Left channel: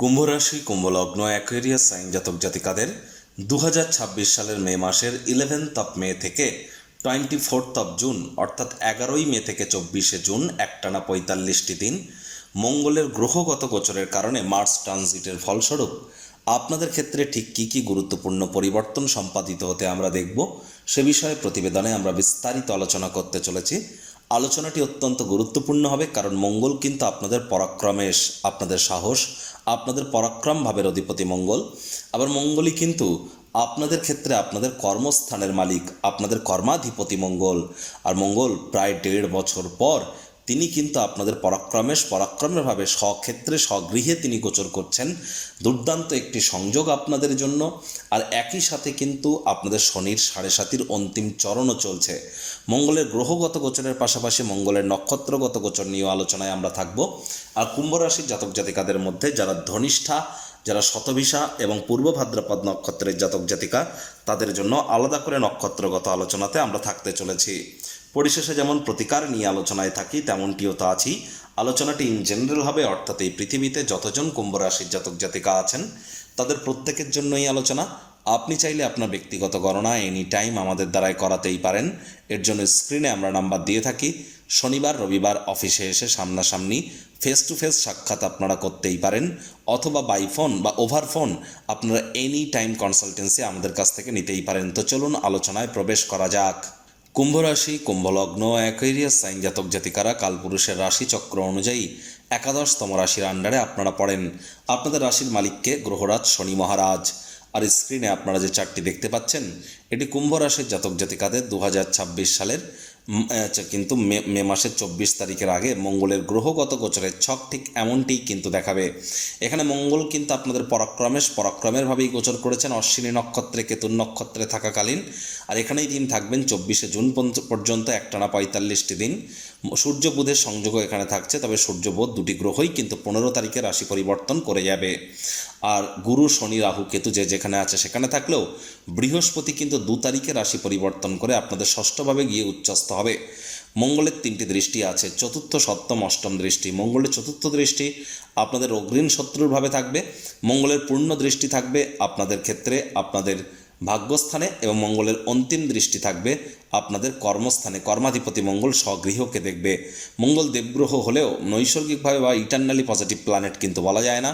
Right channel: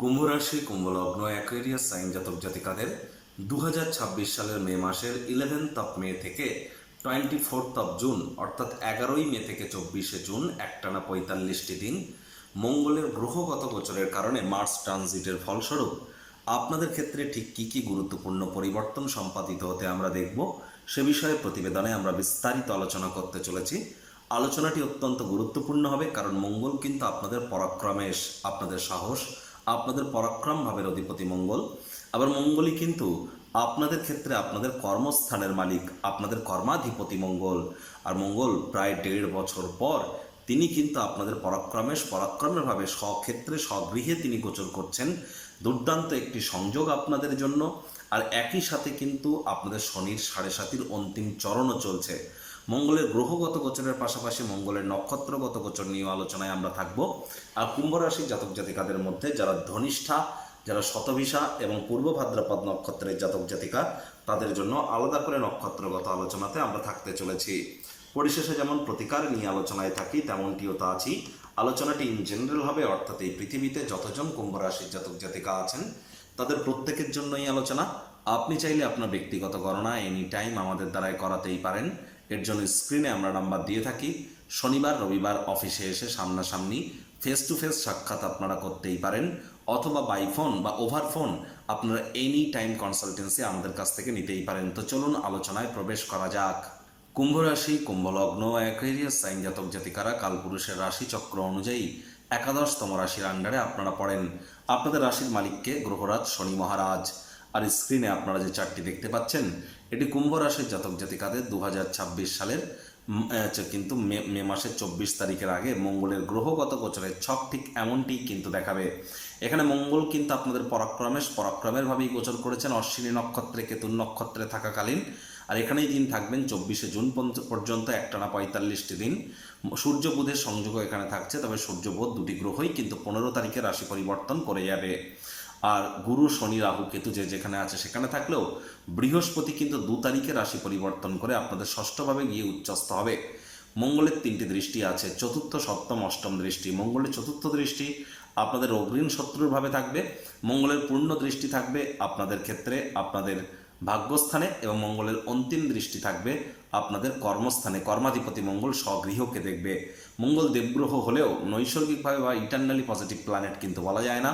কুম্ভ রাশি, কুম্ভ লগ্ন, Aquarius sign জাতক জাতিকাদের 2026 সালের মে মাসের 11th মে থেকে 24th জুন অর্থাৎ 11ই মে থেকে 24শে জুন একটানা 45টি দিন মঙ্গলের গ্রহগত গোচরের কারণে মার্স ট্রানজিটের ফলস্বরূপ আপনাদের ক্ষেত্রে ঠিক কী কী গুরুত্বপূর্ণ পরিবর্তন সম্পাদিত হতে আমরা দেখব সে বিষয়ে প্রতিবেদনে আমরা বিস্তারিত আলোচনা করতে চলেছি। আলোচনাটি অত্যন্ত গুরুত্বপূর্ণ হবে, কারণ মঙ্গল কিন্তু আপনাদের পরাক্রমেশ, আপনাদের সাহস, আপনাদের পরাক্রম ভাবের অধিপতি মঙ্গল। আবার মঙ্গলই কিন্তু আপনাদের ক্ষেত্রে আপনাদের কর্মস্থানের মালিক, আপনাদের কর্মাধিপতি মঙ্গল। আর মঙ্গল প্রায় 1.5 বছর পর তিনি কিন্তু আপনাদের পরাক্রমের ভাবে স্বক্ষেত্রে স্বগৃহে তিনি গোচর করছেন। দুর্দান্ত একটি সংযোগ আপনাদের জন্য। আর একই সাথে কিন্তু আপনাদের শনির 7.5 অন্তিম চরণও চলছে। মঙ্গলের গ্রহগত গোচরের পাশাপাশি মঙ্গলের নক্ষত্রগত গোচর নিয়ে আলোচনায় আমরা থাকব। আর কুম্ভ রাশির জাতক জাতিকাদের মধ্যে যারা ধনিষ্ঠা, যারা শতভিষা এবং পূর্ব ভাদ্রপদ নক্ষত্রের জাতক জাতিকা, তাদের জন্য আলাদা করে নক্ষত্রগত আলোচনাতে আমরা থাকতে চলেছি। পরিশেষে যেমন প্রতিকার নিয়ে আলোচনায় থাকি, তেমনটিও তা আছি। আলোচনাটি ইন জেনারেল হবে, অর্থাৎ এই পৃথিবীতে যতজন কুম্ভ রাশির জাতক জাতিকা আছেন তাদের প্রত্যেকের জন্যই আলোচনা। আপনি চাইলে আপনার ব্যক্তিগত গণনা এনি টাইম আমাদের দ্বারাই করাতেই পারেন। এর জন্য স্ক্রিনে আমরা নাম্বার দিয়ে থাকি। শনিবার রবিবার অফিসে এসে সামনাসামনি ফেস টু ফেস সাক্ষাৎ আপনারা করতেই পারেন, অথবা বাই ফোন বা ওভার ফোন আপনারা এনি টাইম কনসালটেন্সি আমাদের কাছ থেকে নিতেই পারেন। তো চলুন আলোচনায় প্রবেশ করা যাক। কুম্ভ রাশি, কুম্ভ লগ্ন, অ্যাকুয়ারিয়াস সাইন জাতক জাতিকারা কালপুরুষের রাশিচক্র অনুযায়ী 11তম রাশির আন্ডারে আপনারা পড়েন। আপনাদের রাশির মালিককে গ্রহরাজ শনি মহারাজ। আর স্ক্রিনে আপনারা যে চার্টটি দেখতে পাচ্ছেন, এটি কুম্ভ রাশির জাতক জাতিকাদের 2026 সালের কিন্তু মে মাসের 24 তারিখের আগে মঙ্গলের গ্রহগত গোচরের ছক ঠিক এমনটিই কিন্তু দেখাবে। এখানে মঙ্গল কিন্তু আপনাদের পরাক্রমের ভাবেই গোচর করেছেন অশ্বিনী নক্ষত্রে, কেতুর নক্ষত্রে থাকাকালীন। আর এখানেই দিন থাকবেন 24শে জুন পর্যন্ত, একটানা 45টি দিন। সূর্য বুধের সংযোগও এখানে থাকছে, তবে সূর্য বুধ দুটি গ্রহই কিন্তু 15 তারিখে রাশি পরিবর্তন করে যাবে। আর গুরু, শনি, রাহু, কেতু যে যেখানে আছে সেখানে থাকলেও বৃহস্পতি কিন্তু 2 তারিখে রাশি পরিবর্তন করে আপনাদের ষষ্ঠভাবে গিয়ে উচ্চস্থ হবে। মঙ্গলের 3টি দৃষ্টি আছে, চতুর্থ, সপ্তম, অষ্টম দৃষ্টি। মঙ্গলের চতুর্থ দৃষ্টি আপনাদের অগ্রীণ শত্রুর ভাবে থাকবে। মঙ্গলের পূর্ণ দৃষ্টি থাকবে আপনাদের ক্ষেত্রে আপনাদের ভাগ্যস্থানে, এবং মঙ্গলের অন্তিম দৃষ্টি থাকবে আপনাদের কর্মস্থানে। কর্মাধিপতি মঙ্গল স্বগৃহকে দেখবে। মঙ্গল দেবগ্রহ হলেও নৈসর্গিকভাবে বা ইটারনালি পজিটিভ প্ল্যানেট কিন্তু বলা যায় না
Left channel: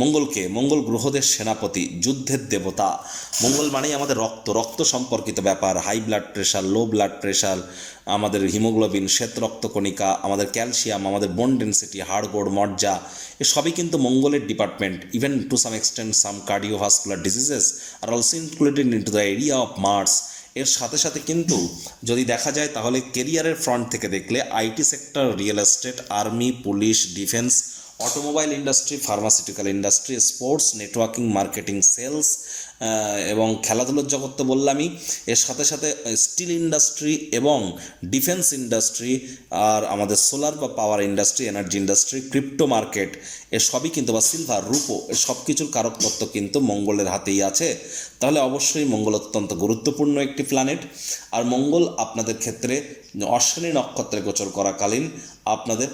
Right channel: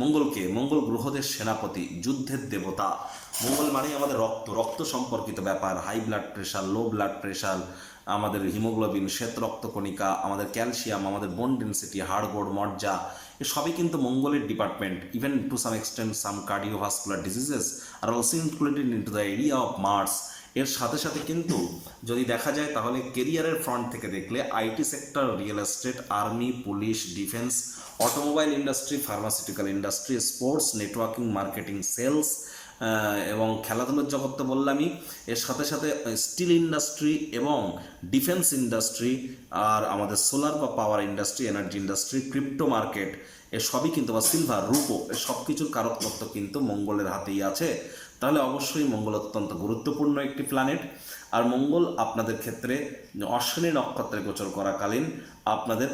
মঙ্গলকে। মঙ্গল গ্রহদের সেনাপতি, যুদ্ধের দেবতা। মঙ্গল মানেই আমাদের রক্ত সম্পর্কিত ব্যাপার। High blood pressure, low blood pressure, আমাদের হিমোগ্লোবিন, শ্বেত রক্তকণিকা, আমাদের ক্যালসিয়াম, আমাদের বোন ডেন্সিটি, হাড়গোড়, মজ্জা, সবই কিন্তু মঙ্গলের department. Even to some extent some cardiovascular diseases are also included into the area of Mars. এর সাথে সাথে কিন্তু যদি দেখা যায় তাহলে কেরিয়ারের ফ্রন্ট থেকে দেখলে IT sector, real estate, army, police, defence, automobile industry, pharmaceutical industry, sports, networking, marketing, sales এবং খেলাধুলোর জগৎ তো বললামই। এর সাথে সাথে স্টিল ইন্ডাস্ট্রি এবং ডিফেন্স ইন্ডাস্ট্রি, আর আমাদের সোলার বা power industry, energy industry, crypto market, এ সবই কিন্তু, বা সিলভার, রূপো, এর সব কিছুর কারক তত্ত্ব কিন্তু মঙ্গলের হাতেই আছে। তাহলে অবশ্যই মঙ্গল অত্যন্ত গুরুত্বপূর্ণ একটি প্ল্যানেট। আর মঙ্গল আপনাদের ক্ষেত্রে অশ্বিনী নক্ষত্রে গোচর করাকালীন আপনাদের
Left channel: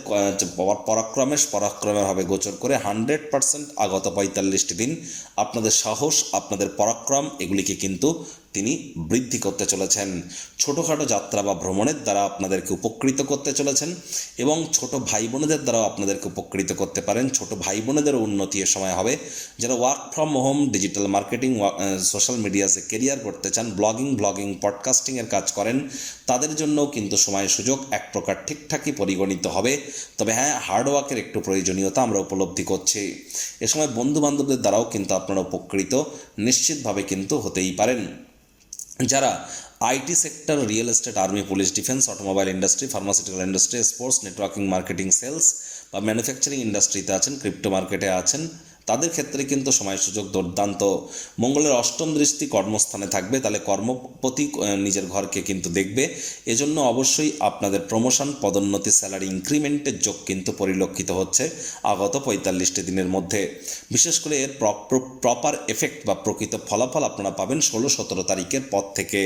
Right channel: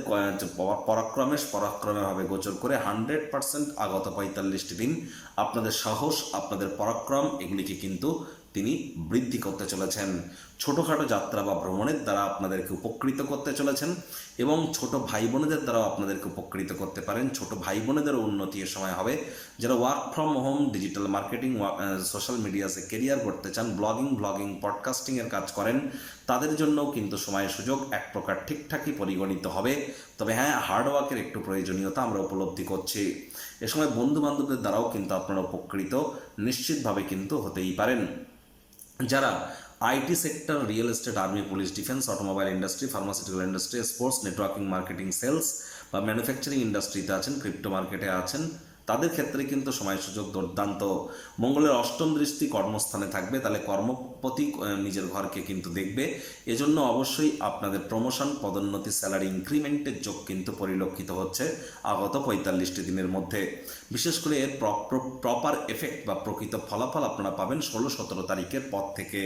পরাক্রমের ভাবে গোচর করে 100% আগত 45টি দিন আপনাদের সাহস, আপনাদের পরাক্রম, এগুলিকে কিন্তু তিনি বৃদ্ধি করতে চলেছেন। ছোটোখাটো যাত্রা বা ভ্রমণের দ্বারা আপনাদেরকে উপকৃত করতে চলেছেন, এবং ছোট ভাই বোনেদের দ্বারাও আপনাদেরকে উপকৃত করতে পারেন। ছোট ভাই বোনেদেরও উন্নতি এ সময় হবে। যারা work from home, digital marketing, social মিডিয়াতে কেরিয়ার করতে চান, ব্লগিং, পডকাস্টিংয়ের কাজ করেন, তাদের জন্যও কিন্তু সময় সুযোগ এক প্রকার ঠিকঠাকই পরিগণিত হবে। তবে হ্যাঁ, হার্ডওয়ার্কের একটু প্রয়োজনীয়তা আমরা উপলব্ধি করছি। এ সময় বন্ধুবান্ধবদের দ্বারাও কিন্তু আপনারা উপকৃত নিশ্চিতভাবে কিন্তু হতেই পারেন। যারা IT sector, real estate, army, police, defence, automobile industry, pharmaceutical industry, sports, networking, marketing, sales বা ম্যানুফ্যাকচারিং ইন্ডাস্ট্রিতে আছেন, ক্রিপ্টো মার্কেটে আছেন, তাদের ক্ষেত্রে কিন্তু সময় সুযোগ দুর্দান্ত। মঙ্গলের অষ্টম দৃষ্টি কর্মস্থানে থাকবে, তাহলে কর্মপতি নিজের ঘরকে কিন্তু দেখবে। এজন্য অবশ্যই আপনাদের প্রমোশন, পদোন্নতি, স্যালারি ইনক্রিমেন্টের যোগ কিন্তু পরিলক্ষিত হচ্ছে আগত 45টি দিনের মধ্যে। বিশেষ করে এর প্রপার এফেক্ট বা প্রকৃত ফলাফল আপনারা পাবেন 16-17 তারিখের পর থেকে।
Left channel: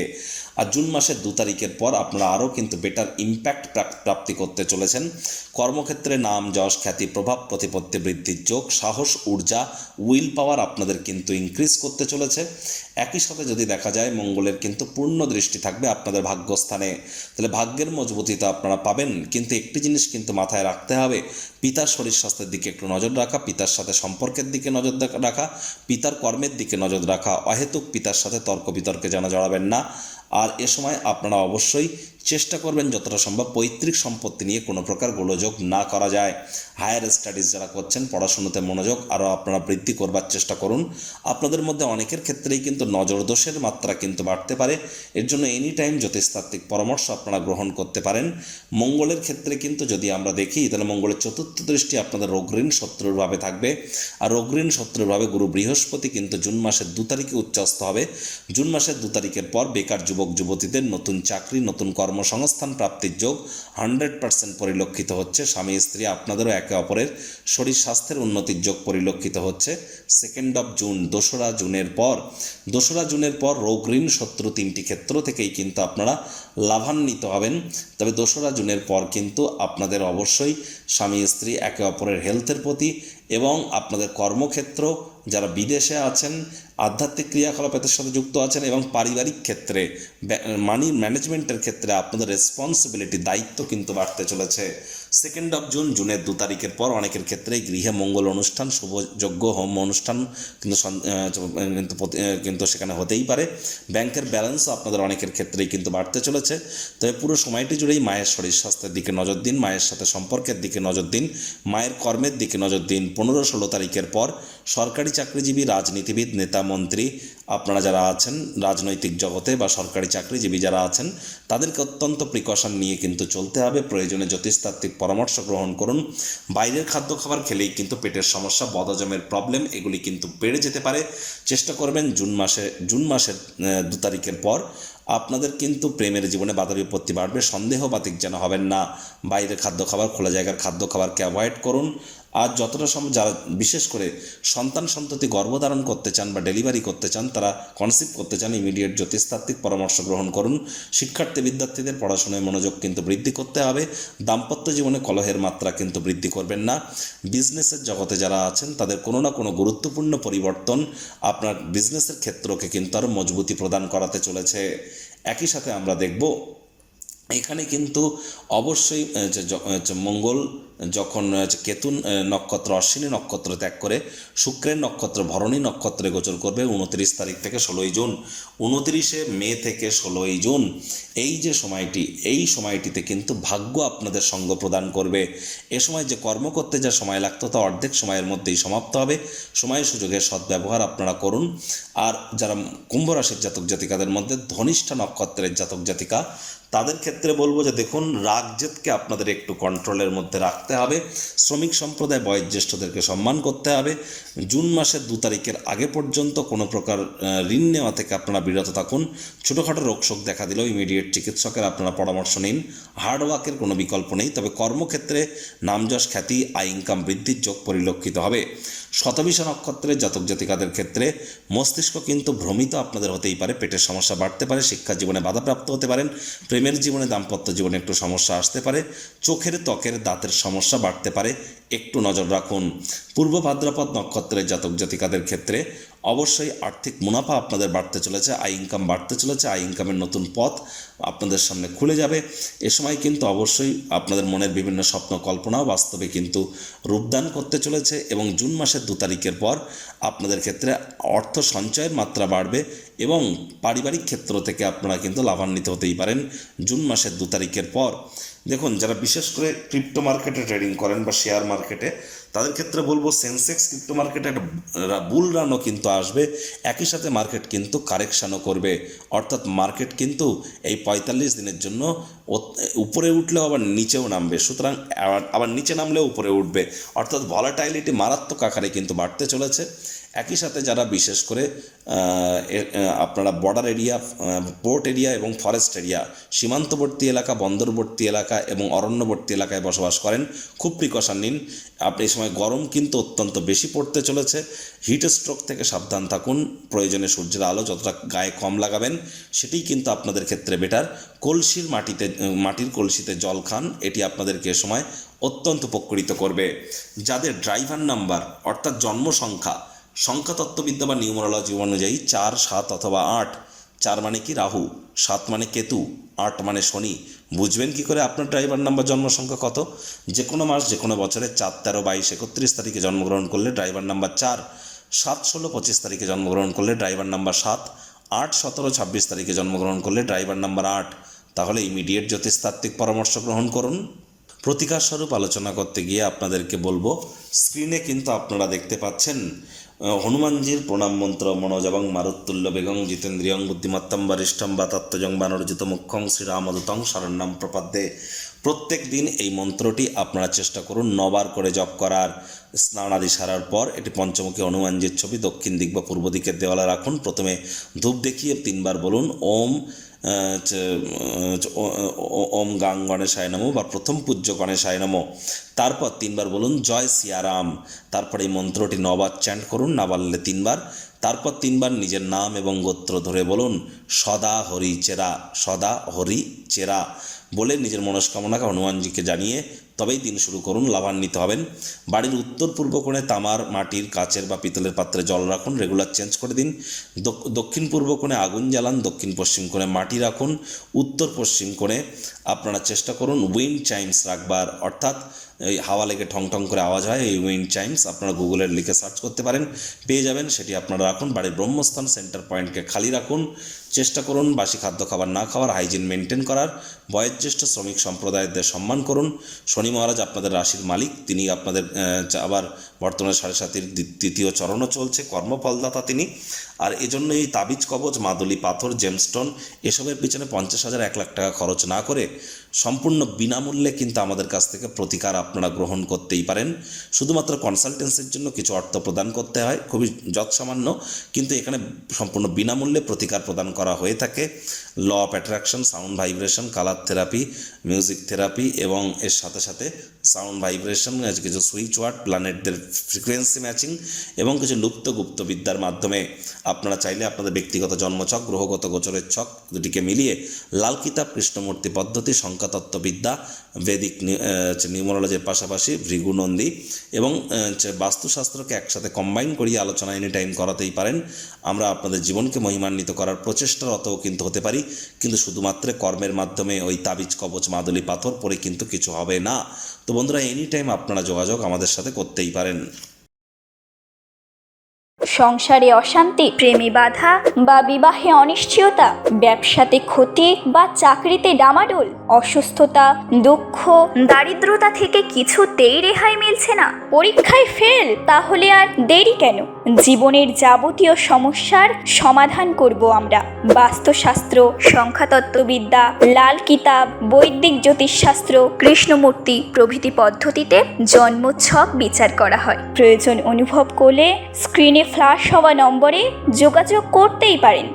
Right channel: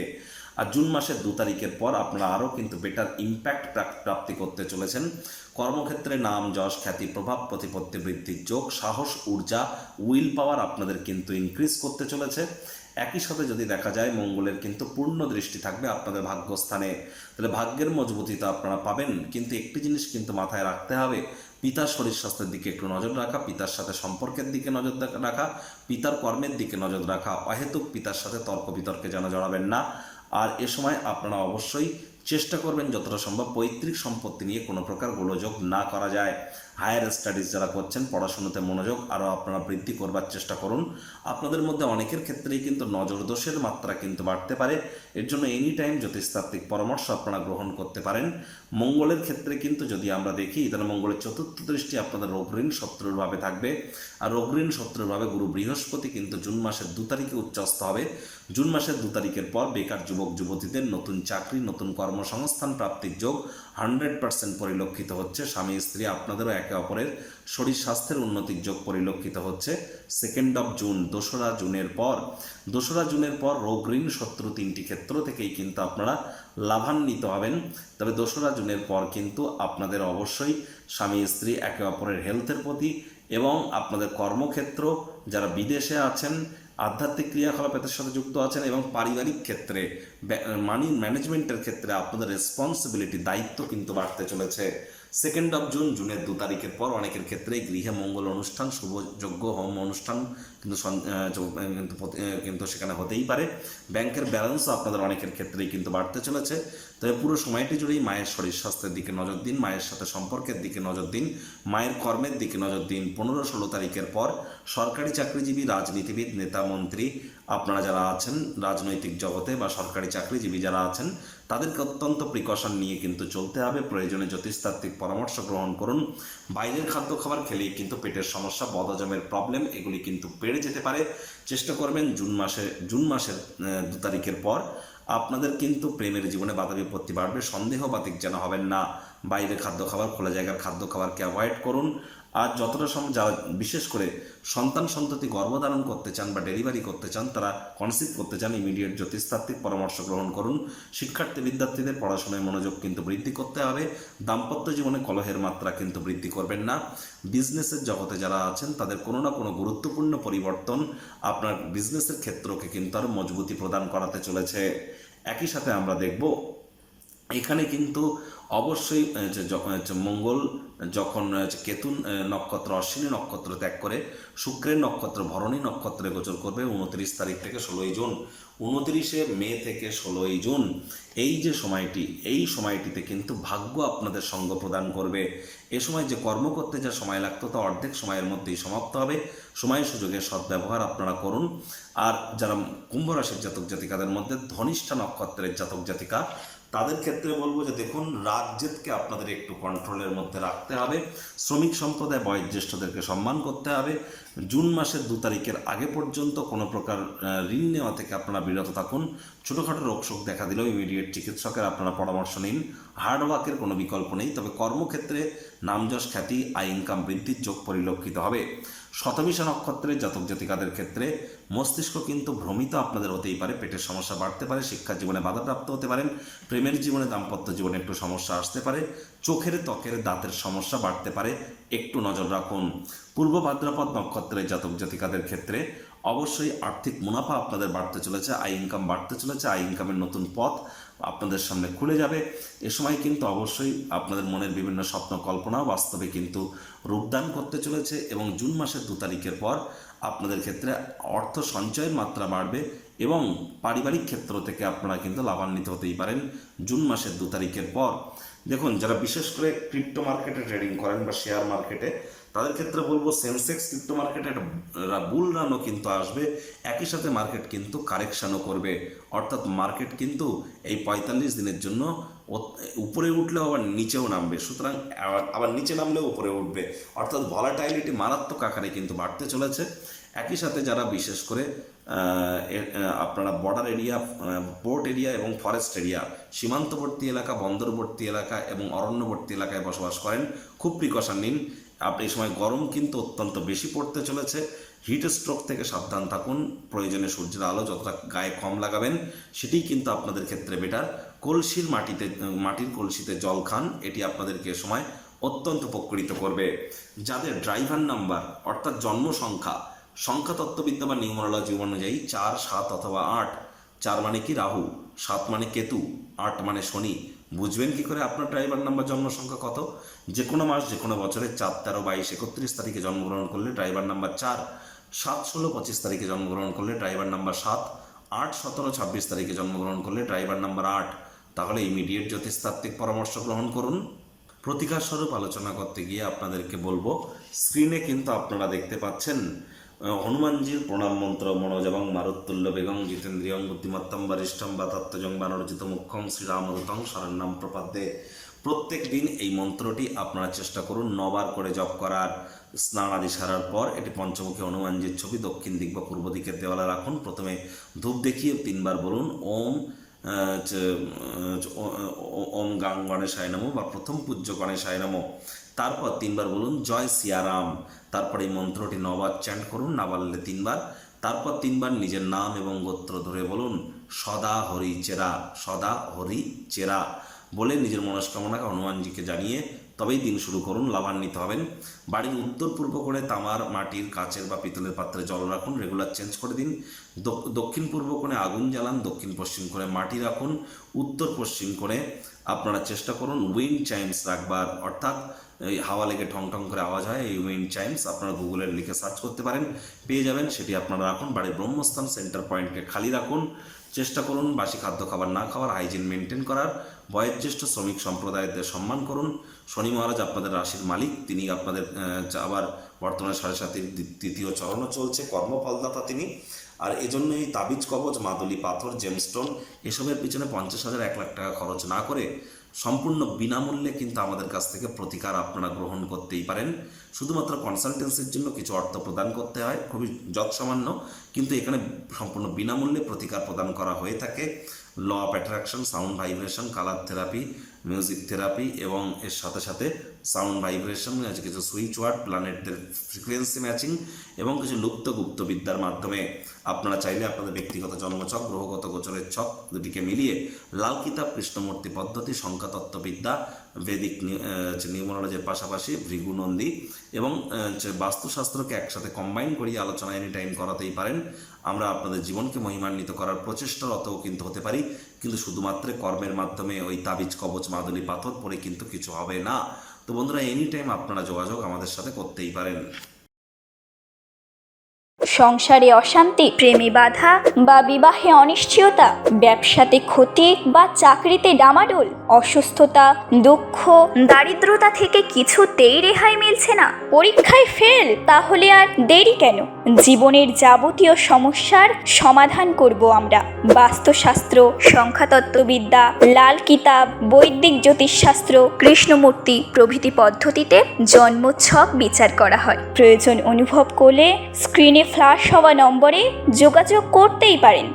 আর জুন মাসের 2 তারিখের পর আপনারা আরও কিন্তু বেটার ইম্প্যাক্ট প্রাপ্তি করতে চলেছেন। কর্মক্ষেত্রে নাম, যশ, খ্যাতি, প্রভাব, প্রতিপত্তি বৃদ্ধির যোগ, সাহস, ঊর্জা, উইল পাওয়ার আপনাদের কিন্তু ইনক্রিজ করতে চলেছে। একই সাথে যদি দেখা যায় মঙ্গলের কিন্তু পূর্ণ দৃষ্টি থাকবে আপনাদের ভাগ্যস্থানে, তাহলে ভাগ্যের মজবুতিতা আপনারা পাবেন। কিন্তু একটি জিনিস কিন্তু মাথায় রাখতে হবে, পিতার শরীর স্বাস্থ্যের দিকে একটু নজর রাখা, পিতার সাথে সম্পর্কের দিকে নজর রাখা, পিতার কর্মের দিকে নজর রাখা, অহেতুক পিতার সাথে তর্ক বিতর্কে যেন জড়াবেন না। আর এ সময় আপনারা অবশ্যই চেষ্টা করবেন যতটা সম্ভব পৈতৃক সম্পত্তি নিয়ে কোনো প্রকার গোলযোগ না করা যায়। হায়ার স্টাডিজ যারা করছেন পড়াশুনোতে মনোযোগ আরও আপনারা বৃদ্ধি করবার চেষ্টা করুন। আপনাদের মধ্যে অনেকের ক্ষেত্রেই কিন্তু নজর দোষের মাত্রা কিন্তু বাড়তে পারে, এর জন্য এনি টাইম জ্যোতিষতাত্ত্বিক পরামর্শ আপনারা গ্রহণ করতে পারেন। মঙ্গলের ক্ষেত্রে কিন্তু যদি আমরা দেখি তাহলে মঙ্গলের চতুর্থ দৃষ্টি আপনাদের রোগঋণ শত্রুরভাবে থাকবে, আর রোগঋণ শত্রুরভাবে গুরু বৃহস্পতি কিন্তু জুন মাসের 2 তারিখে উচ্চস্থ হবে। জুন মাসের 2 তারিখের পর বেকার যুবক যুবতীদের নতুন চাকরি, নতুন কর্মসংস্থান প্রাপ্তির যোগ 100% পরিলক্ষিত হচ্ছে। স্বামী স্ত্রী আপনাদেরও একে অপরের শরীর স্বাস্থ্যের উন্নতির যোগ পরিলক্ষিত হচ্ছে। 2 জুন, 2রা জুনের পর রোগ, ঋণ, শত্রু 3টি ক্ষেত্র থেকেই কিন্তু আপনারা লাভান্বিত হবেন। তবে 2রা জুনের পর কিন্তু আপনাদের অবশ্যই স্বামী স্ত্রী একে অপরের হেলথের প্রতি এবং আপনাদের কর্মক্ষেত্র, যারা বিদেশে আছেন, আধ্যাত্মিক ক্রিয়াকলাপের সাথে যুক্ত আছেন এবং পারিবারিক ক্ষেত্রে মানি ম্যানেজমেন্টের ক্ষেত্রে আপনাদের রেসপন্সিবিলিটি, দায়িত্ব কিন্তু বাড়তে চলেছে। 2 জুনের 2 তারিখের পর অনেকের ক্ষেত্রেই গৃহে মঙ্গল অনুষ্ঠান, শুভযজ্ঞ, হোম অনুষ্ঠান কিন্তু সেখানে হতেই পারে। ব্যাংকের ব্যালেন্সও আপনাদের অনেকের ক্ষেত্রেই কিন্তু বাড়তে চলেছে। তবে পুরো সময়টি জুড়েই মায়ের শরীর স্বাস্থ্যের দিকে নজর দিন, মায়ের সাথে সম্পর্কের দিকে নজর দিন, মায়ের কর্মের দিকে নজর দিন। 15-16 তারিখের পর সরকারি চাকরিজীবী, রাজনীতিবিদ, নেতা, মন্ত্রী আপনারা যারা আছেন রাজনৈতিক জগতে বা সরকারি চাকরিজীবী যারা আছেন তাদেরকে অত্যন্ত প্রিকশন নিয়ে কিন্তু চলতে হবে। প্রয়োজনে জ্যোতিষতাত্ত্বিক পরামর্শ গ্রহণ করুন। বাইরের খাদ্য খাবার খেলেই কিন্তু পেটের সমস্যা, বদহজমের প্রবলেম এগুলি কিন্তু বেড়ে যেতে পারে। চেষ্টা করবেন জুন মাসের 2 তারিখের পর আপনাদের কিন্তু প্রেমের জীবনে বাধা বিপত্তি বাড়বে, সন্দেহবাতিক যেন হবেন না। বাইরের খাদ্য খাবার, খোলা জায়গার খাদ্য খাবারকে অ্যাভয়েড করুন। আর যতটা সম্ভব যারা বিশেষ করে সন্ততি গর্ভধারণ করতে চান বা ডেলিভারি করতে চান, তারা কনসিভ করতে চান, ইমিডিয়েট জ্যোতিষতাত্ত্বিক পরামর্শ গ্রহণ করুন। বিদ্যার্থীদের পড়াশোনায় মনোযোগ কিন্তু বৃদ্ধি করতে হবে। দাম্পত্য জীবনে কলহের মাত্রা কিন্তু বৃদ্ধি করবেন না। বিজনেসের জগতে যারা আছেন তাদের কোনো না কোনো গুরুত্বপূর্ণ পরিবর্তন আপনার বিজনেসের ক্ষেত্রকে কিন্তু আরও মজবুতি প্রদান করাতে চলেছে। একই সাথে আমরা দেখব এখানে কিন্তু অবশ্যই মঙ্গল যখন কেতু নক্ষত্র, অশ্বিনী নক্ষত্র ত্যাগ করে শুক্রের নক্ষত্র ভরণী নক্ষত্রে গোচর করবে 29 তারিখ থেকে 16 জুন। 29শে মে থেকে 16 জুন এই যে সময়টি, এই সময়টিতে কিন্তু ভাগ্য আপনাদের সঙ্গ প্রদান করবে। এ সময় যে কর্ম করতে যা সময় লাগতো তা অর্ধেক সময়ের মধ্যেই সমাপ্ত হবে। সময় সুযোগের সদ্ব্যবহার আপনারা করুন। আর যারা কুম্ভ রাশির জাতক জাতিকাদের মধ্যে ধনিষ্ঠা নক্ষত্রের জাতক জাতিকা, তাদের ক্ষেত্রে বলবো যে দেখুন, রাগ জেদকে আপনাদের একটু কন্ট্রোলের মধ্যে রাখতে হবে। শ্রমিক সম্প্রদায়, বয়োজ্যেষ্ঠদেরকে সম্মান করতে হবে। জুন মাসের 2 তারিখের আগে পর্যন্ত কোনো প্রকার ঋণ নেওয়া থেকে আপনারা বিরত থাকুন। ছোটোখাটো রোগশোক দেখা দিলেও ইমিডিয়েট চিকিৎসকের আপনারা পরামর্শ নিন। হার্ডওয়ার্কের কোনো বিকল্প নেই। তবে কর্মক্ষেত্রে নামযশ, খ্যাতি, আয় ইনকাম বৃদ্ধির যোগ পরিলক্ষিত হবে। শতবিশা নক্ষত্রের জাতক জাতিকাদের ক্ষেত্রে মস্তিষ্ক কিন্তু ভ্রমিত আপনাদের হতেই পারে, পেটের সমস্যা বাড়তে পারে, শিক্ষা জীবনে বাধাপ্রাপ্ত হতে পারেন, প্রেমের জীবনে, দাম্পত্য জীবনে একটু সমস্যা আসতে পারে, চোখের, ত্বকের, দাঁতের সমস্যা বাড়তে পারে, একটু নজর রাখুন। পূর্ব ভাদ্রপদ নক্ষত্রের জাতক জাতিকাদের ক্ষেত্রে অবশ্যই আর্থিক মুনাফা আপনাদের বাড়তে চলেছে, আয় ইনকাম বাড়তে চলেছে, আয় ইনকামের নতুন পথ আপনাদের সামনে খুলে যাবে। এ সময় কিন্তু অবশ্যই আপনাদের মনের বিভিন্ন স্বপ্ন কল্পনাও বাস্তবে কিন্তু রূপদান করতে চলেছে। এবং জুন মাসের 2 তারিখের পর আপনাদের ক্ষেত্রে অর্থ সঞ্চয়ের মাত্রা বাড়বে এবং পারিবারিক ক্ষেত্র থেকে আপনারা কিন্তু লাভান্বিত হতেই পারেন জুন মাসের 2 তারিখের পর। দেখুন, যারা বিশেষ করে ক্রিপ্টো মার্কেটে ট্রেডিং করেন বা শেয়ার মার্কেটে, তাদের ক্ষেত্রে বলবো সেন্সেক্স ক্রিপ্টো মার্কেটে একটা বুল রানও কিন্তু আসবে। একই সাথে মার্কেট কিন্তু কারেকশানও করবে, অর্থাৎ মার্কেট কিন্তু এই 45 দিনের জন্য উপরে উঠলেও আবার নিচেও নামবে, সুতরাং আবার নিচে নামলেও উপরে উঠবে, অর্থাৎ ভলাটাইলিটি মারাত্মক আকারে কিন্তু বাড়তে চলেছে। একই সাথে যারা বিশেষ করে আপনারা বর্ডার এরিয়া, পোর্ট এরিয়া এবং ফরেস্ট এরিয়া, সীমান্তবর্তী এলাকা, বন্দরবর্তী এলাকা এবং অরণ্যবর্তী এলাকায় বসবাস করেন, খুব প্রিকশন নিন। আপনি এই সময় গরম কিন্তু অত্যন্ত বেশি পড়তে চলেছে। হিট স্ট্রোক থেকে সাবধান থাকুন। প্রয়োজনে সূর্যের আলো যতটা গায়ে কম লাগাবেন সেটিই কিন্তু আপনাদের ক্ষেত্রে বেটার। মাটির কলসিতে জল খান, এটি আপনাদেরকে এ সময় অত্যন্ত উপকৃত করবে। যাদের ড্রাইভার নাম্বার অর্থাৎ জন্ম সংখ্যাতত্ত্ববিদ্যা বা নিউমারোলজি অনুযায়ী 4, 7 অথবা 8, 4 মানে কি রাহু, 7 মানে কেতু, 8 মানে শনি, বুঝবেন কি করে আপনার ড্রাইভার নাম্বার জন্ম সংখ্যা কত? যে কোনো মাস যে কোনো বছরে 4, 13, 22, 31 তারিখে জন্মগ্রহণ করলে ড্রাইভার নাম্বার 4, 7, 16, 25 তারিখে জন্মগ্রহণ করলে ড্রাইভার নাম্বার 7, 8, 17, 26 তারিখে জন্মগ্রহণ করলে ড্রাইভার নাম্বার 8। তাহলে ইমিডিয়েট জ্যোতিষতাত্ত্বিক পরামর্শ গ্রহণ করুন। প্রতিকার স্বরূপ আলোচনা করতে গিয়ে আপনাদেরকে বলবো, স্ক্রিনে কিন্তু আপনারা দেখতে পাচ্ছেন হনুমানজির প্রণাম মন্ত্র মনোজবং মারুত্তুল্য বেগং জিতেন্দ্রিয়ং বুদ্ধিমত্তম বরিষ্ঠম বা তত্ত্বজং বানরজিত মুখ্যং শ্রীরামদূতং শরণ্যম প্রপদ্যে। প্রত্যেক দিন এই মন্ত্রটি আপনারা চেষ্টা করুন 9 বার করে জপ করার। স্নান আদি সারার পর এটি পঞ্চমুখী হনুমানজির ছবি দক্ষিণ দিক বা পূর্ব দিকের দেওয়ালে রাখুন। প্রথমে ধূপ দেখিয়ে 3 বার বলুন ওম গাং গণেশায় নমঃ বা প্রথম পূজ্য গণেশায় নমঃ। তারপর 3 বার বলুন জয় সিয়ারাম। তারপর এই মন্ত্রটি 9 বার চ্যান্ট করুন, না পারলে 3 বার। তারপর 3 বার নিজের নাম এবং গোত্র ধরে বলুন সদা হরি চেরা, সদা হরি চেরা বলে নিজের মনস্কামনাকে হনুমানজিকে জানিয়ে তবেই দিন শুরু করুন। লাভান্বিত হবেন। বাড়ির উত্তর পূর্ব কোণে তামার, মাটির, কাচের বা পিতলের পাত্রে জল রাখুন, রেগুলার চেঞ্জ করে দিন। দক্ষিণ পূর্ব কোণে আগুন জ্বালান, দক্ষিণ পশ্চিম কোণে মাটি রাখুন, উত্তর পশ্চিম কোণে আপনারা চেষ্টা করুন উইন্ড চাইমস রাখবার, অর্থাৎ এই হাওয়া লেগে ঠং ঠং করে আওয়াজ হয় এই উইন্ড চাইমস, আপনারা গুগলে লিখে সার্চ করতে পারেন, পেয়ে যাবেন, সেটি আপনারা রাখুন। বাড়ির ব্রহ্মস্থান সেন্টার পয়েন্টকে খালি রাখুন। চেষ্টা করুন বাসি খাদ্য খাবার না খাওয়ার, হাইজিন মেনটেন করার। বয়োজ্যেষ্ঠ শ্রমিক সম্প্রদায়দের সম্মান করুন। শনি মহারাজ আপনাদের রাশির মালিক, তিনি আপনাদের আবার বর্তমানে 7.5 দ্বিতীয় চরণও চলছে, কর্মফলদাতা তিনি। আর এজন্য এই তাবিজ কবচ, মাদুলি পাথর, জেমস্টোন এসবের পিছনে 50,000 1 লাখ টাকা খরচ না করে সম্পূর্ণ বিনামূল্যে কিন্তু আমাদের কাছ থেকে প্রতিকার আপনারা গ্রহণ করতেই পারেন। শুধুমাত্র কনসালটেন্সির জন্য কিছু অর্থ প্রদান করতে হয়, খুবই যৎসামান্য, কিন্তু এখানে সম্পূর্ণ বিনামূল্যে প্রতিকার প্রদান করা হয়ে থাকে। Law of attraction, sound vibration, colour therapy, music therapy এবং এর সাথে সাথে সাউন্ড ভাইব্রেশন, কিছু সুইচ ওয়ার্ড, প্ল্যানেটদের ফ্রিকোয়েন্সি ম্যাচিং এবং কিছু লুপ্ত গুপ্তবিদ্যার মাধ্যমে আপনারা চাইলে আপনাদের ব্যক্তিগত জন্মছক, গ্রহগত গোচরের ছক দুটিকে মিলিয়ে লাল কিতাব, কৃষ্ণমূর্তি পদ্ধতি, সংখ্যাতত্ত্ববিদ্যা, বৈদিক নিউমারোলজির পাশাপাশি ভৃগুনন্দী এবং বাস্তুশাস্ত্রকে একসাথে কম্বাইন করিয়ে আলোচনা এনি টাইম করাতেই পারেন। আমরা আপনাদের জীবনকে মহিমান্বিত করার প্রচেষ্টারতও কিন্তু হতে পারি, কিন্তু শুধুমাত্র কর্মের মাধ্যমে ওই তাবিজ কবচ, মাদুলি পাথর পরে কিন্তু কিছু হবে না। তো বন্ধুরা, এনি টাইম আপনারা যোগাযোগ আমাদের সাথে করতেই পারেন। সংসারে অশান্তি, প্রেমে বাধা বা বিবাহে অনিশ্চয়তা, ব্যবসাতে ক্ষতি বা চাকরিতে ডামাডোল, অসুস্থতা, দুঃখ, দারিদ্রতা থেকে কিছুতেই রেহাই মিলছে না, পরীক্ষায় ফেল, তাহলে আর দেরি কেন? জীবনের যাবতীয় সমস্যার সমাধান করব আমরা। বাস্তুশাস্ত্র, সংখ্যাতত্ত্ববিদ্যা, লাল কিতাব, বৈদিক জ্যোতিষশাস্ত্র, কৃষ্ণমূর্তি প্রভৃতি পদ্ধতিতে জন্মছক বিচার করা হয়। প্রয়োজন অনুভব করলে স্ক্রিনে ফ্ল্যাশ হওয়া নম্বরে যোগাযোগ করতেই পারেন।